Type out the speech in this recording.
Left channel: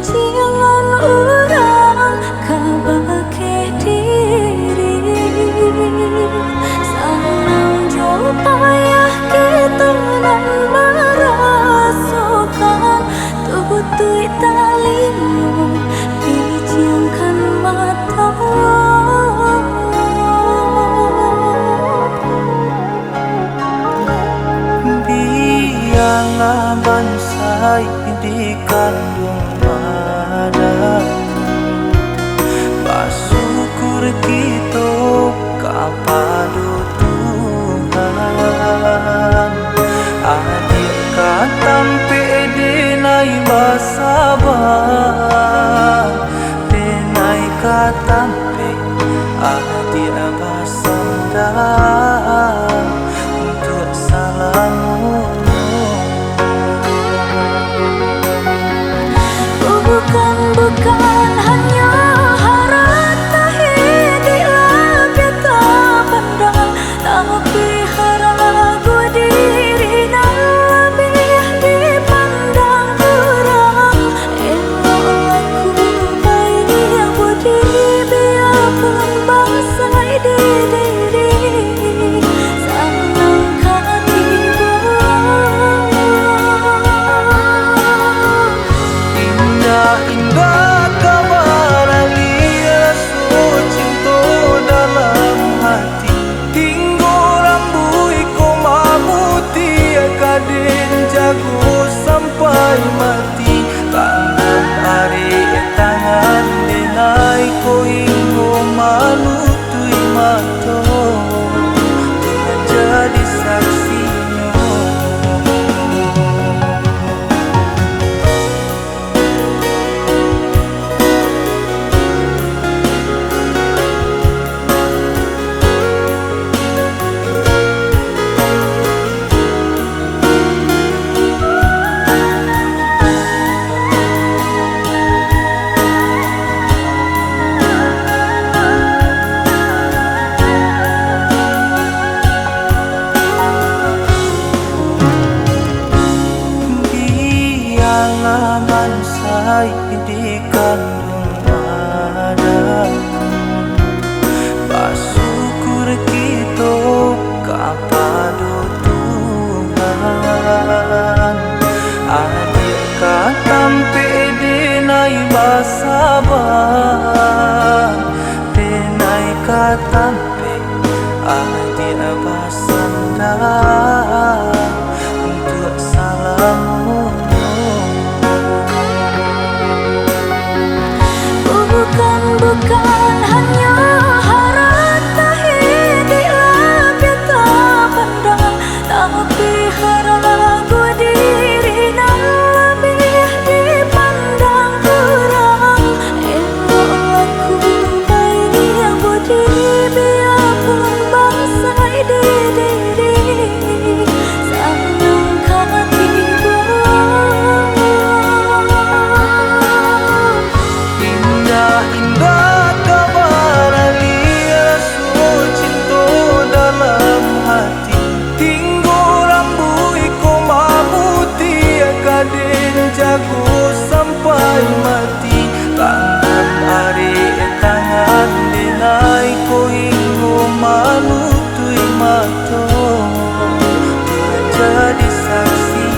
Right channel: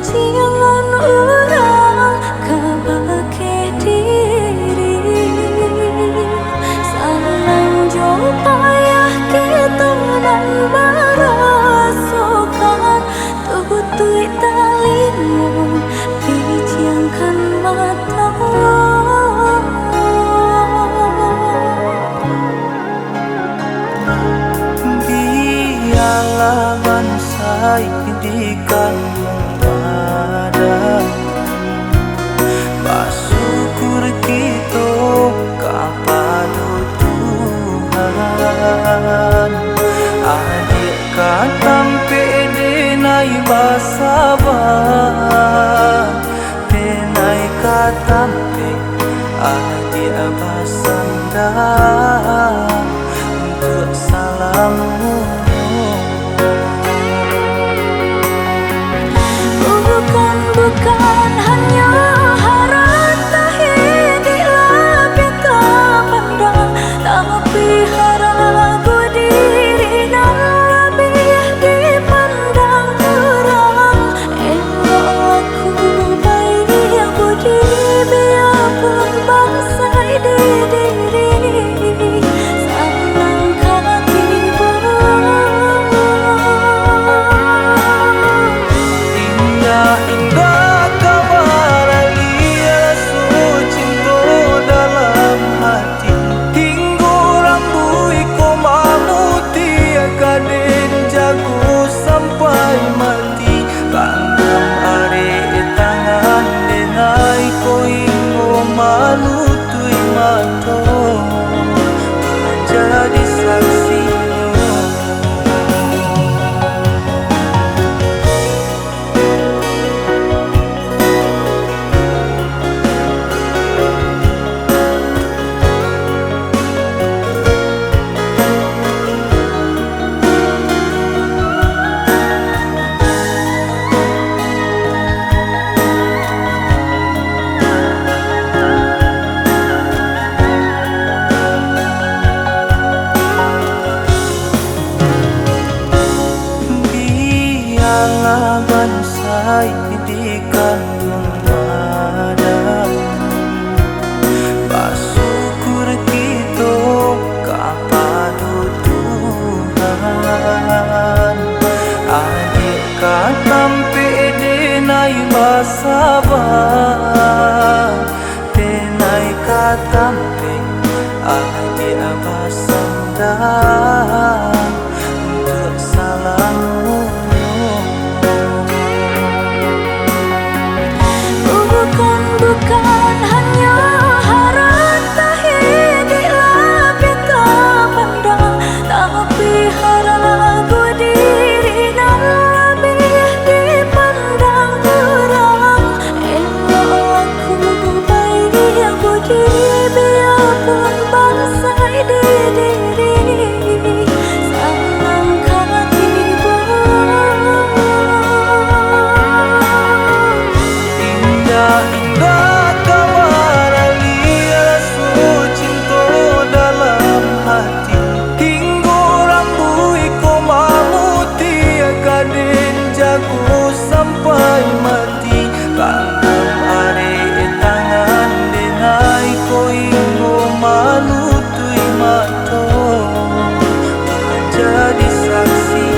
jangan urang kabake diri sanang jo payah kita nan merasakan tutui talingo pijangkan mata biarlah bansai dikandung badan bersyukur kita kepada Tuhan adik katam pede nai basabar penai katam pe adik basanda untuk salamu bukan hanya harata hidiklah biata pandang tapi haragu diri dan lebih dipandang orang elok laku baik budi biarpun bangsa di diri sanang katiba indah kabar alia cinta dalam hati hingga rambui komamuti kaden jago sampai mati tanggam are tangan denai ko hingga manutui mato Tuhan jadi saksinya. Biarlah bansai dikandung badan bersyukur kita kepada Tuhan adik katam pede nai basabar penai katam pe adik basanda untuk salamu bukan hanya harata hidiklah biata pandang tapi haragu diri dan lebih dipandang orang elok laku baik budi biarpun bangsa di diri sanang katiba indah kabar alia cinta dalam hati hingga rambui komamuti kaden jago sampai mati tanggam are tangan denai ko hingga manutui mato Tuhan jadi saksi